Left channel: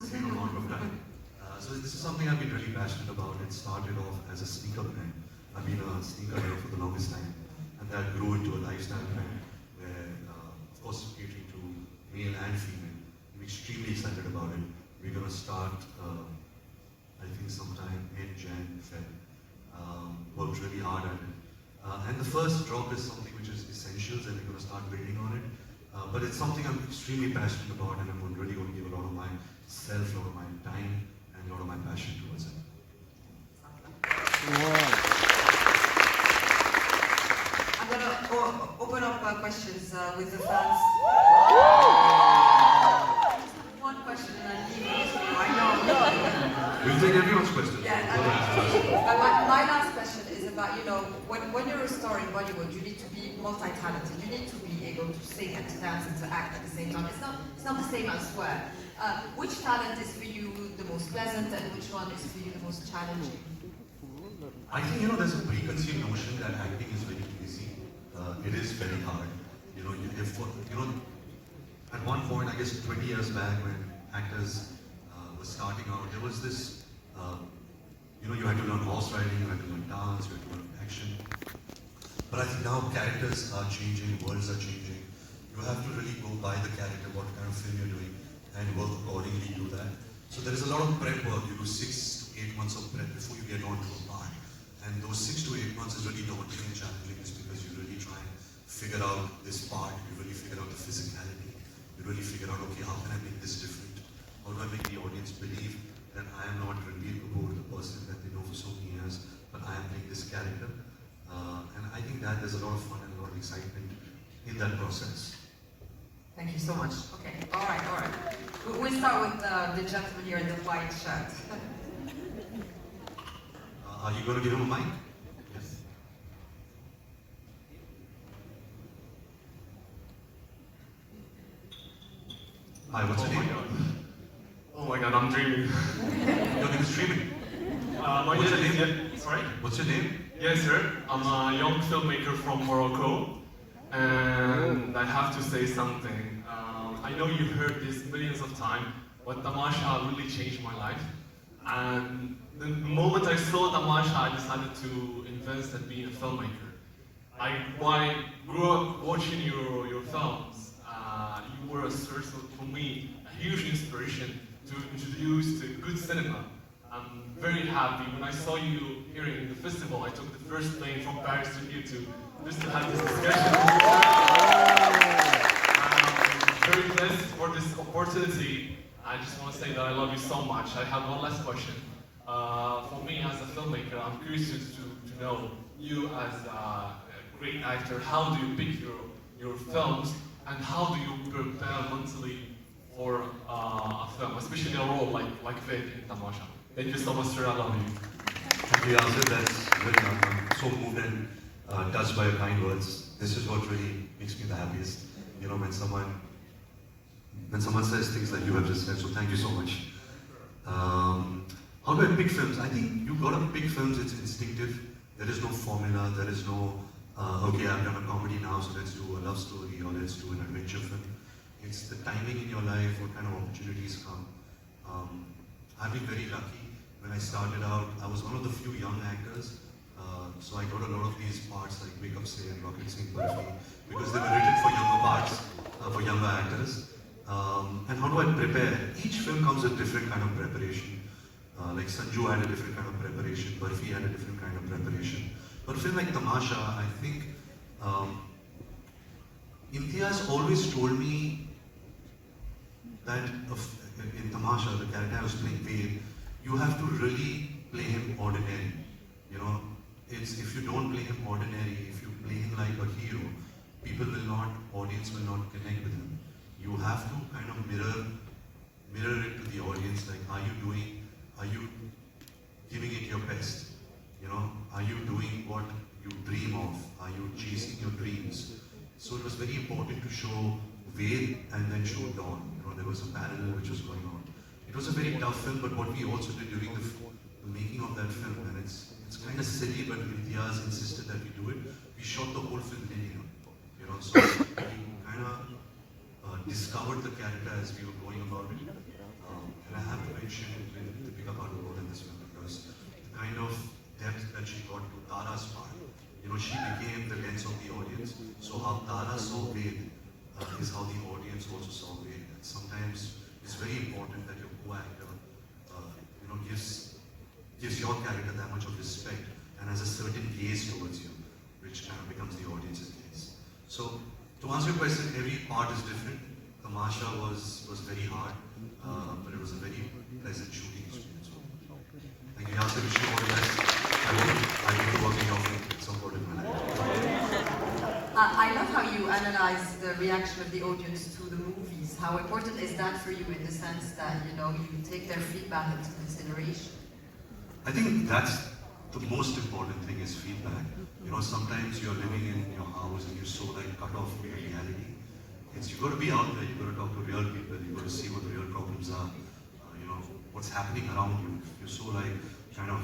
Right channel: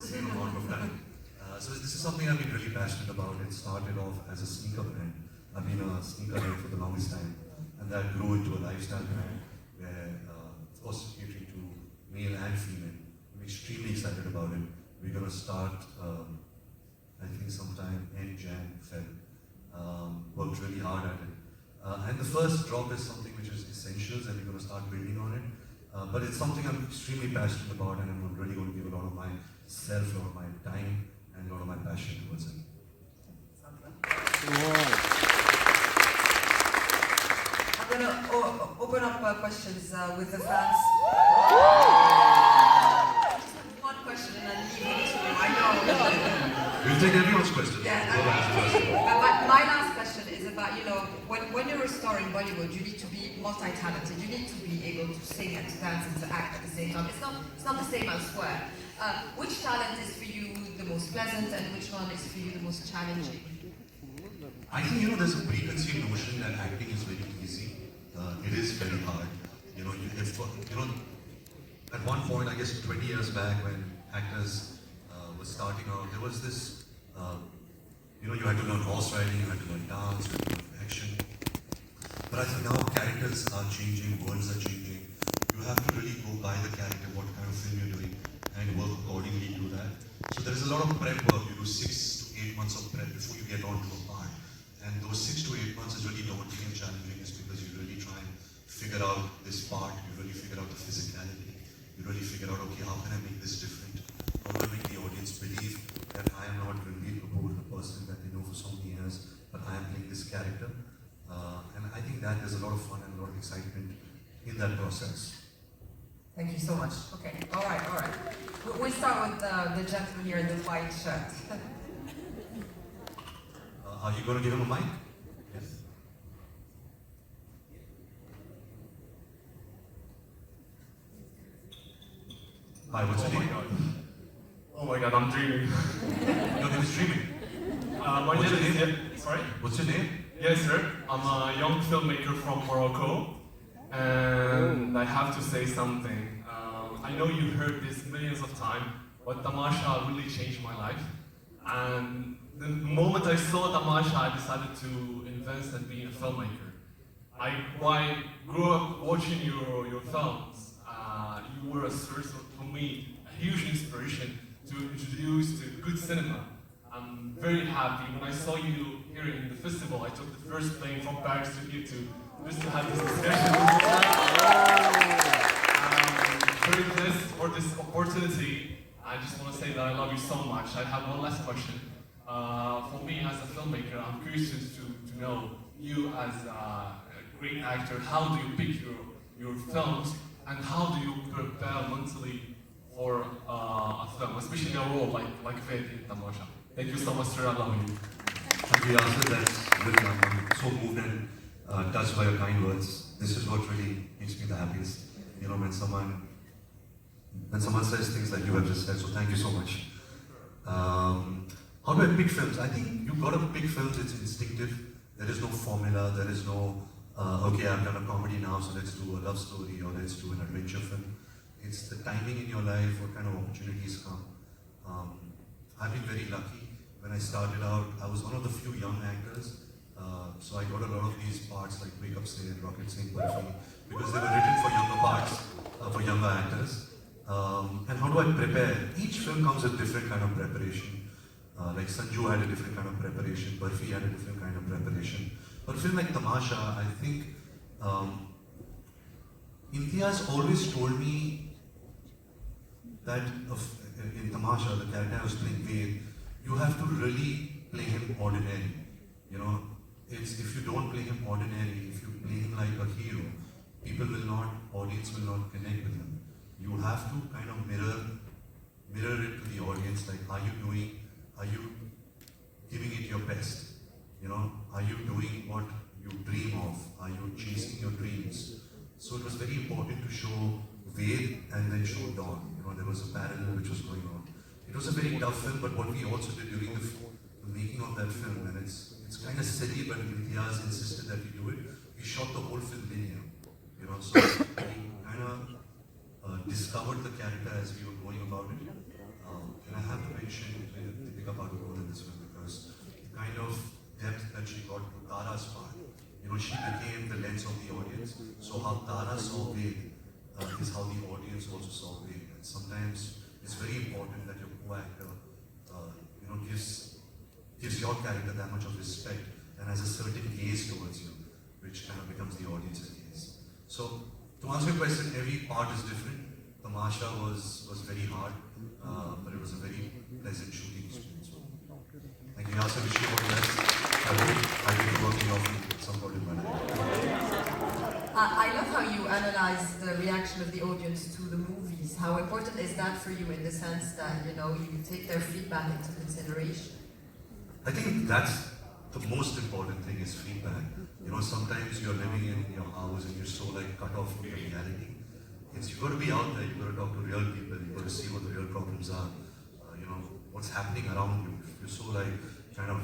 same amount of time. So this is something I've been really passionate about. It started off as a sneaker brand. I've been a sneaker brand for the longest time, and that grew into a lifestyle brand where, of course, catering to male and female. I'm extremely excited about it. We're going to start, I think, sometime in Jan, Feb. Worked really hard at it. And the first drop is something which is essentials, and we're going to start building on it. But it's something I'm extremely passionate about, and I'm really going to give a lot of myself, a lot of my time, and a lot of my passion towards it. Wow. I'm going to open up questions with the fans. Just one question and then leave it to you. I know. We'll take everyone's questions. My last question is about, when you're restoring Bollywood, you need to be multi-talented. You need to be able to sing and to dance and to act at the same time. It's not the same elsewhere. Which talent is for you the most pleasant, and which one is for you the most challenging? I think, there's a preconceived notion that acting is very easy. It is very hard. At one point, I guess 20 years back, when actors were starting out, there was this, you had to learn horse riding, you had to learn dance, you had to learn action. But I think now characters are changing, worlds are changing. You have to really go by the character, what kind of film you're doing, and work accordingly to that. So there is a lot of prep work. You do 6 to 8 months of prep before you get onto a part. And those 6 to 8 months is really daunting and challenging, just because you really try and figure out this part, you really figure out the physicality, you really figure out, okay, how can I make this different? How do I make the audience believe that I am not Rabir Kapoor, the person that they know for so many years, but I am playing this character? And I think that there's a lot of fun and a lot of excitement in that process. Thank you so much. Okay, all right. We'll start with the gentleman here in the white shirt. Are you going to give him a mic? Yes. Hi, what's your name? Oh my god, I'm dreaming. Your name is dreaming. My name is... Sorry? What's your name? Yes, sir. I'm a young filmmaker from Morocco. And I have to say something. I know you heard this millions of times, but Tamasha really changed my life. And the moment I saw Tamasha, I decided to invest in being a filmmaker. When I grew up watching your films, you were a source of, for me, a huge inspiration to introduce to good cinema. I'm very happy. When I saw you here in the festival, I took the first plane from Paris to here just to have this discussion. Very blessed for this opportunity. I just want to say that I love you so much. I have one last question. For me as a filmmaker, I'm curious to know you as a great actor, how do you pick your films, and how do you prepare mentally for a film, especially a role like Ved in Tamasha? Thank you so much, sir. I love you. And the answer that's really, I'm so moved and touched by your kind words. This is what really makes me the happiest. When someone says things like you have just said, so thank you so much. How do I pick films? I think you've got to pick films, it's instinctive. There is no formula, there is no, okay, I've done a comedy now, so let's do a love story or let's do an adventure film. It's the timing in your life, what kind of opportunities come. I've been very lucky. When I started out, I was one of the few young actors, so I got a lot of these parts like Wake Up Say and Rabir because they were written for younger parts, for younger actors. And how do I prepare? Each film comes with different kind of preparation. Like Sanju had a different kind of preparation, Burfi had a different kind of preparation. But a film like Tamasha, I think, Imtiaz always told me that in Tamasha, the character I was playing, Ved, you have to really play him ordinary. If you don't play him ordinary, if you play him like a hero, audience will not connect with him. You have to kind of mirror it to the audience, like, are you giving it your best? Are you doing what you dream of? Are you chasing your dreams? So it was very important to show Ved and then show Dawn. There was a parallel which was going on. It was a very tough film, but what we also did during the making of that film, and it's kind of silly, but Imtiaz insisted that we do it. We shot the whole film in him. So we kind of discovered the character as we were going about it. And I have part was different. Tamasha was very hard, but it was a very pleasant shooting experience. So, thank you. Yasser, wish you all the best. I will be working off at some point in my life. I love how you analyze the reaction of the audience to the movies. How important is that for you in the sense that, you know, you take their feedback into consideration? I think that's the most important thing is feedback. You know, sometimes you're living in your house and you're so like cut off from reality. You've got to be out there, you've got to talk to real people, you've got to see what the real problems are, you know, what's happening around you. If you're so like kind of,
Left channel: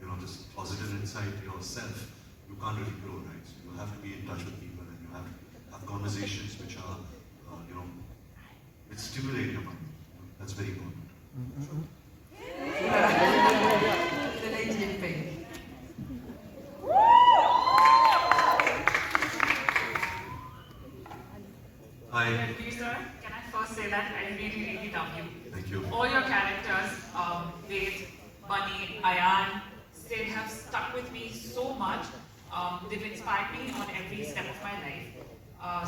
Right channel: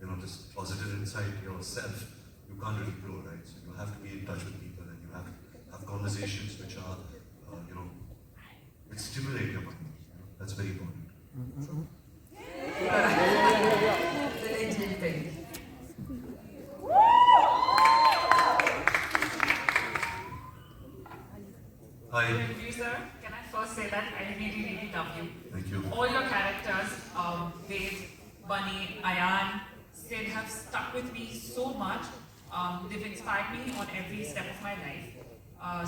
you know, just positive inside yourself, you can't really grow, right? So you have to be in touch with people and you have to have conversations which are, you know, which stimulate your mind. That's very important. The lady in pink. Hi. Rabir sir, can I first say that I really, really love you. Thank you. All your characters, Ved, Bunny, Ayan, they have stuck with me so much. They've inspired me on every step of my life.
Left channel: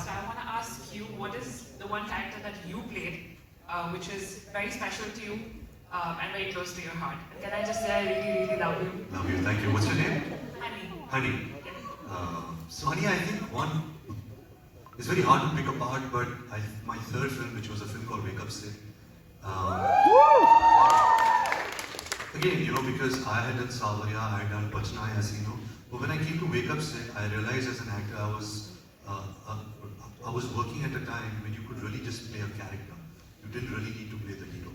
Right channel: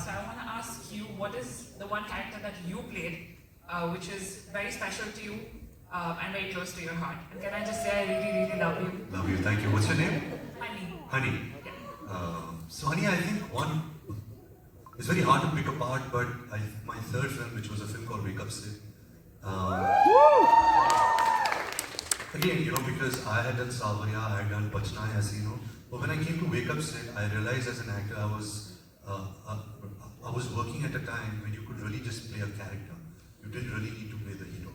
So I want to ask you, what is the one character that you played, which is very special to you and very close to your heart? And can I just say I really, really love you? Love you. Thank you. What's your name? Honey. Honey. So honey, I think one, it's very hard to pick apart, but my third film, which was a film called Wake Up Sid, again, you know, because I had done Sawariya, I had done Pachna Hasino, but when I came to Wake Up Sid, I realized as an actor, I was working at a time when you could really just play a character. You didn't really need to play the hero.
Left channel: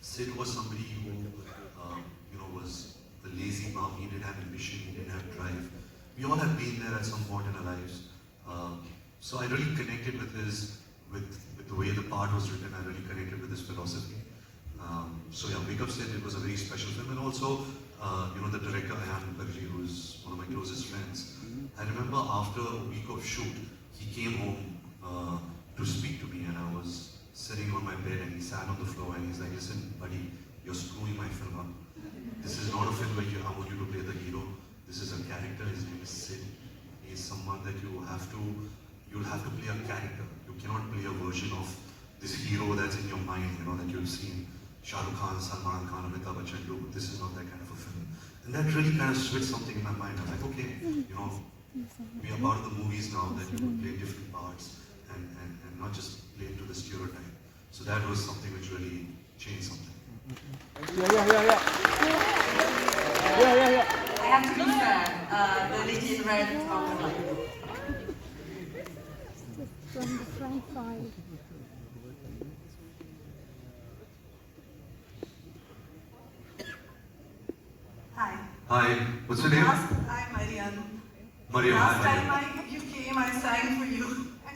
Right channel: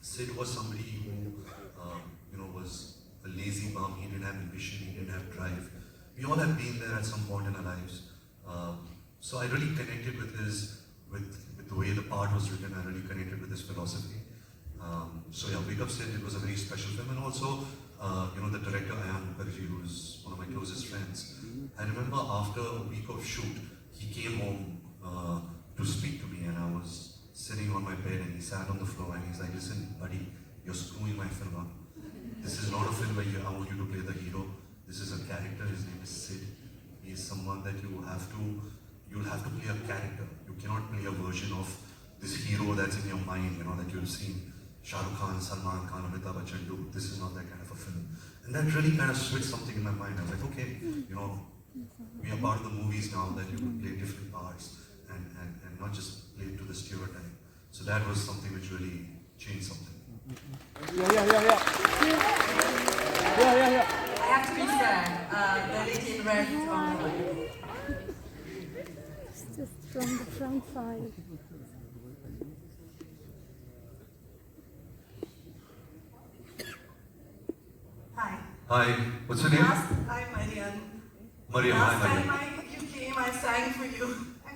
Sid was somebody who, you know, was a lazy bum. He didn't have ambition, he didn't have drive. We all have been there at some point in our lives. So I really connected with the way the part was written. I really connected with his philosophy. So yeah, Wake Up Sid, it was a very special film, and also, you know, the director Ayan Mukherjee, who's one of my closest friends. I remember after a week of shoot, he came home to speak to me, and I was sitting on my bed, and he sat on the floor, and he's like, "Listen, buddy, you're screwing my film up. This is not a film where I want you to play the hero. This is a character. His name is Sid. He is someone that you'll have to play a character. You cannot play a version of this hero that's in your mind, you know, that you've seen Shah Rukh Khan, Salman Khan, Amitabh Bachchan do. This is not that kind of a film." And that really kind of switched something in my mind. I'm like, okay, you know, we are part of the movies now that you can play different parts and not just play to the stereotype. So that was something which really changed something. I have to be fair. The lady in red. From the front side. Hi. Hi, what's your name? Hi, Marianne. Maria. Last Hi. time you came, I sang for you.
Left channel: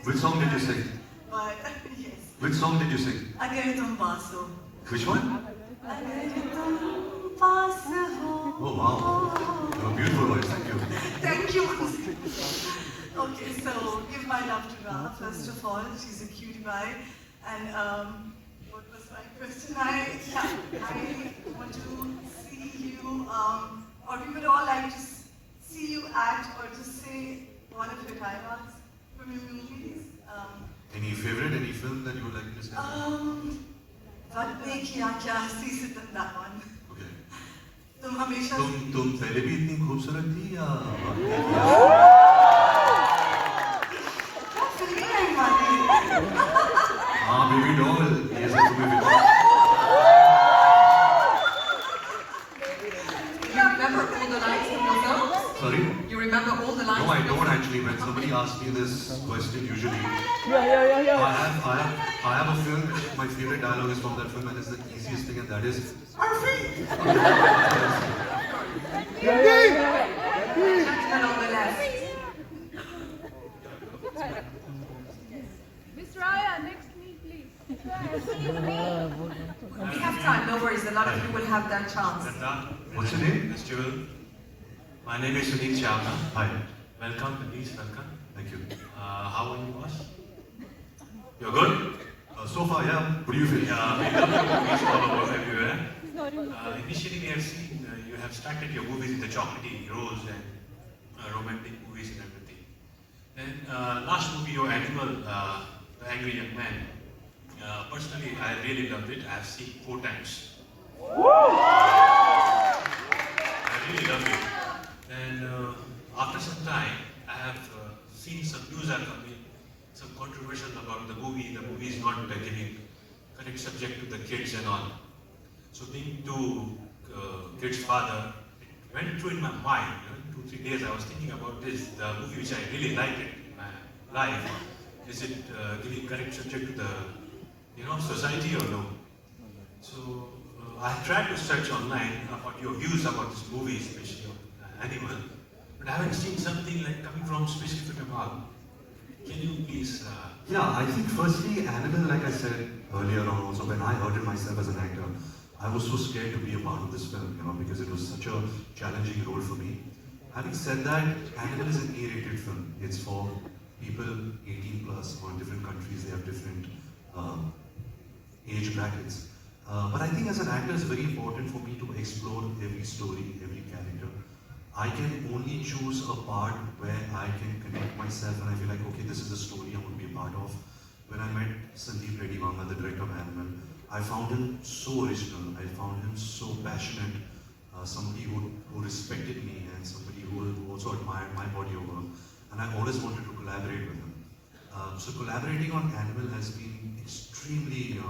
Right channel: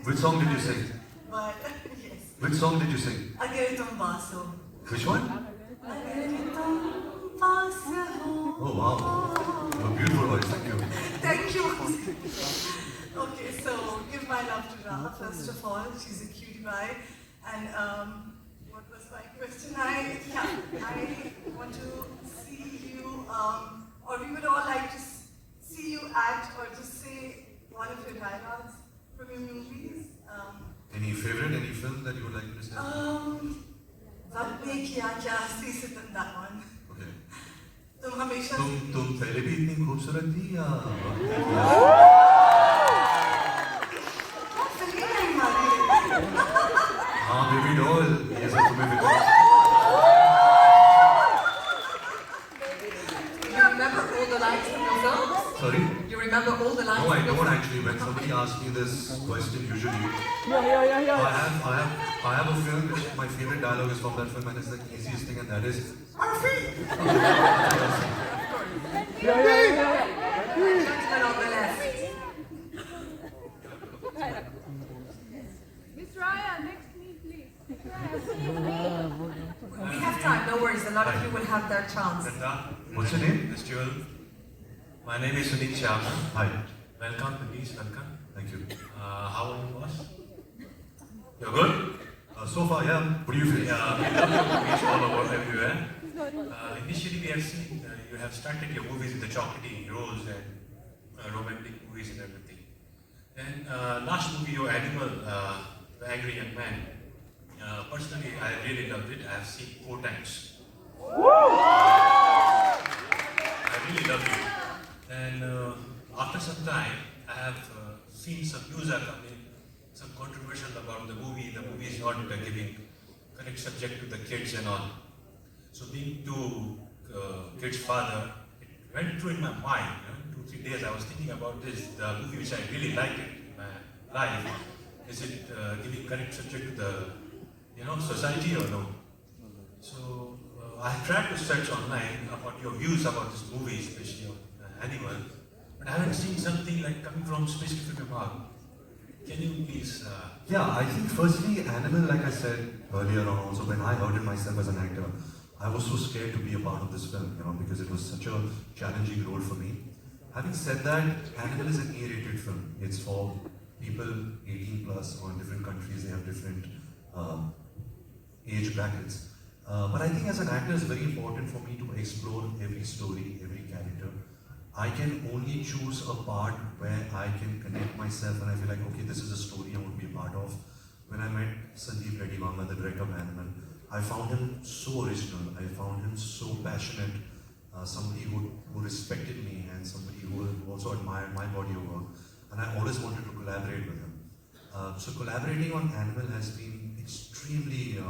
Which song did you sing? But, yes. Which song did you sing? Agaritum Baso. Which one? Agaritum Baso. Oh wow. Oh, beautiful voice, thank you. Thank you. Okay, so give my love to Ra, first of all. She's a cutie pie. And what was my question? I want to see you, or we would all like to see you act or just say one of your dialogues from your movies. Any favorite, any film that you would like to say? Vatne kiya kya hasti sitam, that one. Okay. तुम हमेशा तुम पहले भी इतनी खूबसूरत थी या फिल्मी टाइम वाली हाँ बेबी डॉल ये सब तुम्हें भी You remember all the lines in the film? Sorry? You remember all the lines? No, I in the don't film? actually. When somebody asks me this question, usually Yeah. I have a film which my favorite dialogue is from that film, and it's the easiest thing, and that is And on the left. Miss Raya, next to me, please. We have time, no worries. A lot of you will have that chance. What's your name? Festival. My name is Sunil Chavna. Hi. Welcome, please welcome. Thank you. How are you, boss? You're good? So far, yeah. What do you feel? Yeah, we love your movies all over everywhere. Initially, we have seen you have started your movies in the chocolatey roles and romantic movies and everything. And last movie, your animal, The Angry Young Man. Personally, I really loved it. I have seen 4 times. I really loved it. And after some time, I have seen some news are coming, some controversial about the movie. The movie is not giving correct subject to the kids and all. So being two kids' father, it went through in my mind. 2-3 days I was thinking about this. The movie which I really liked it in my life, is it giving correct subject to the society or no? So I tried to search online about your views about this movie, especially of Animal, but I haven't seen something like coming from specific about. Can you please? Yeah, I think firstly, Animal, like I said earlier on, also when I heard it myself as an actor, I was so scared to be a part of this film, because it was such a challenging role for me. Having said that, Animal is an A-rated film. It's for people 18 plus or different countries. They have different age brackets. But I think as an actor, it's very important for me to explore every story, every character. I can only choose a part where I can connect myself and I feel like, okay, this is a story I want to be a part of. When I met Sanjeev Reddy Mama, the director of Animal, I found him so original. I found him so passionate. Somebody who respected me and somebody who also admired my body of work. And I always wanted to collaborate with him. So collaborating on Animal has been extremely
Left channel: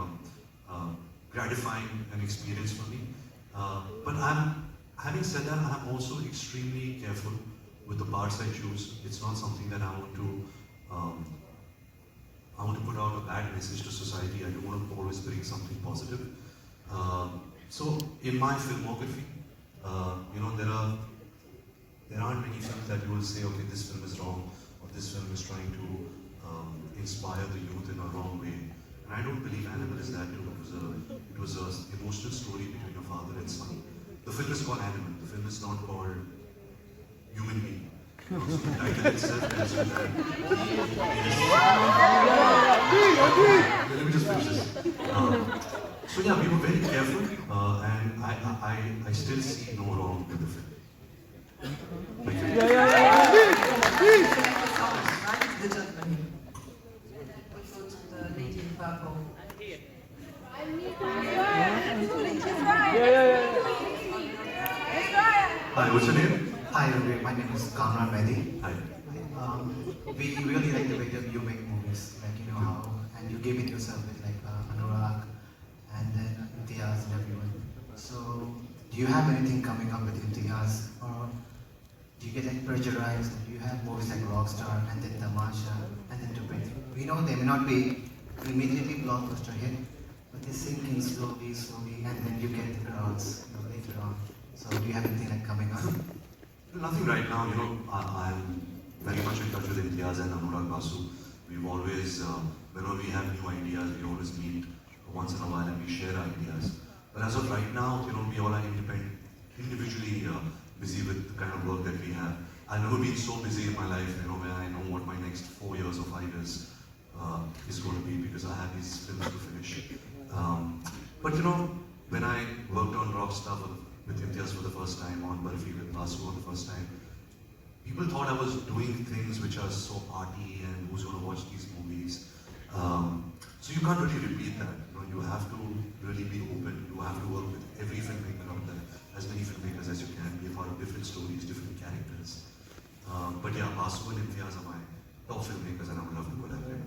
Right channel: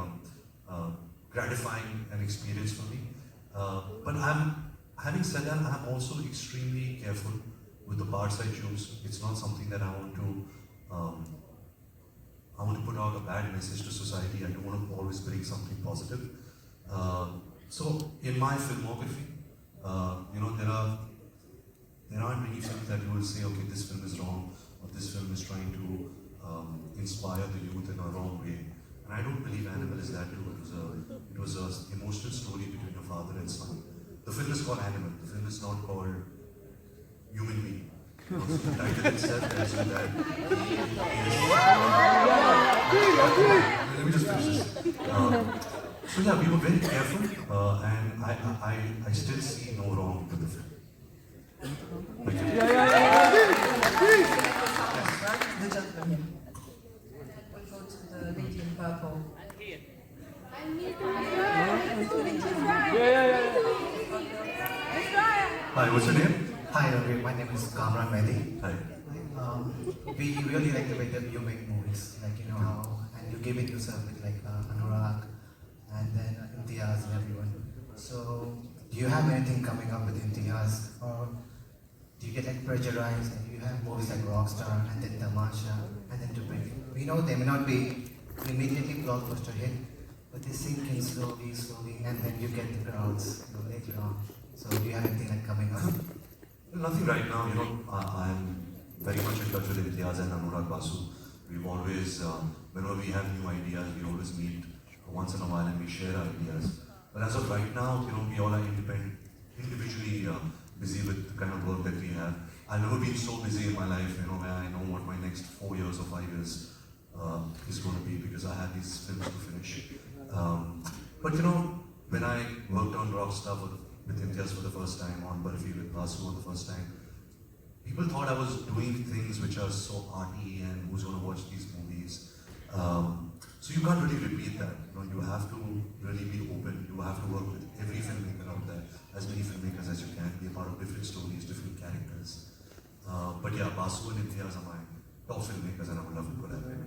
gratifying an experience for me. But having said that, I'm also extremely careful with the parts I choose. It's not something that I want to put out a bad message to society. I don't want to always bring something positive. So in my filmography, there aren't many films that you will say, okay, this film is wrong, or this film is trying to inspire the youth in a wrong way. And I don't believe Animal is that. It was an emotional story between a father and son. The film is called Animal. The film is not called Human Being. The title itself tells you that. Let me just finish this. So yeah, we were very careful, and I still see no wrong with the film. The gentleman here. We'll go to the lady in purple. Hi, what's your name? Hi, Rabir. My name is Kamran Mehdi. Hi. We really like the way that you make movies, like how, and you give it yourself with Anurag, and then Imtiaz and everyone. So, do you have anything coming up with Imtiaz, or do you get pressurized, or do you have movies like Rockstar, and then Tamasha, and then to bring it? We know they may not be immediately blockbuster hit, but they sink in slowly, and then you get the crowds later on. So, do you have anything coming up? Nothing right now. I'm very much in touch with Imtiaz and Anurag Basu. We've always, whenever we have new ideas, we always meet once in a while and we share our ideas. But as of right now, we all are individually busy with the kind of work that we have. I've never been so busy in my life, where I know what my next 4 years or 5 years is going to be, because I have these films to finish. But when I worked on Rockstar with Imtiaz for the first time, on Barfi with Basu for the first time, people thought I was doing things which are so arty and who's going to watch these movies. So you can't really repeat that. You have to really be open. You have to work with every filmmaker out there, as many filmmakers as you can, be a part of different stories, different characters. But yeah, Basu and Imtiaz are my top filmmakers, and I would love to collaborate.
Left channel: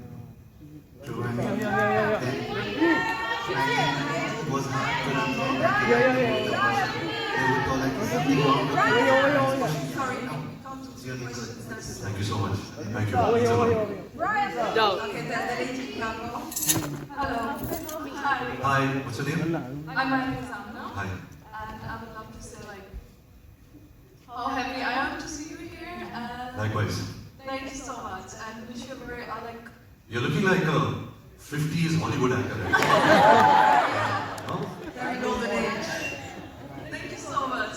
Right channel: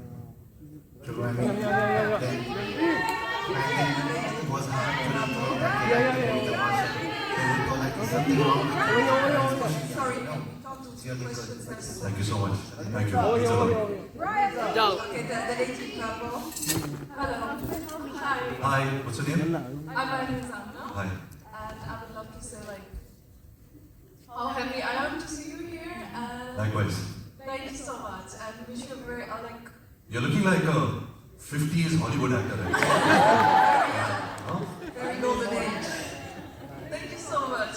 Thank you so much. Thank you. Okay, the lady in purple. Hello. Hi. Hi, what's your name? I'm Rani Zamna. Hi. And I would love to say how happy I am to see you here and Likewise. thank you so much and wish you a very You're looking like a 50s Hollywood actor, right? Very golden age. thank you so much.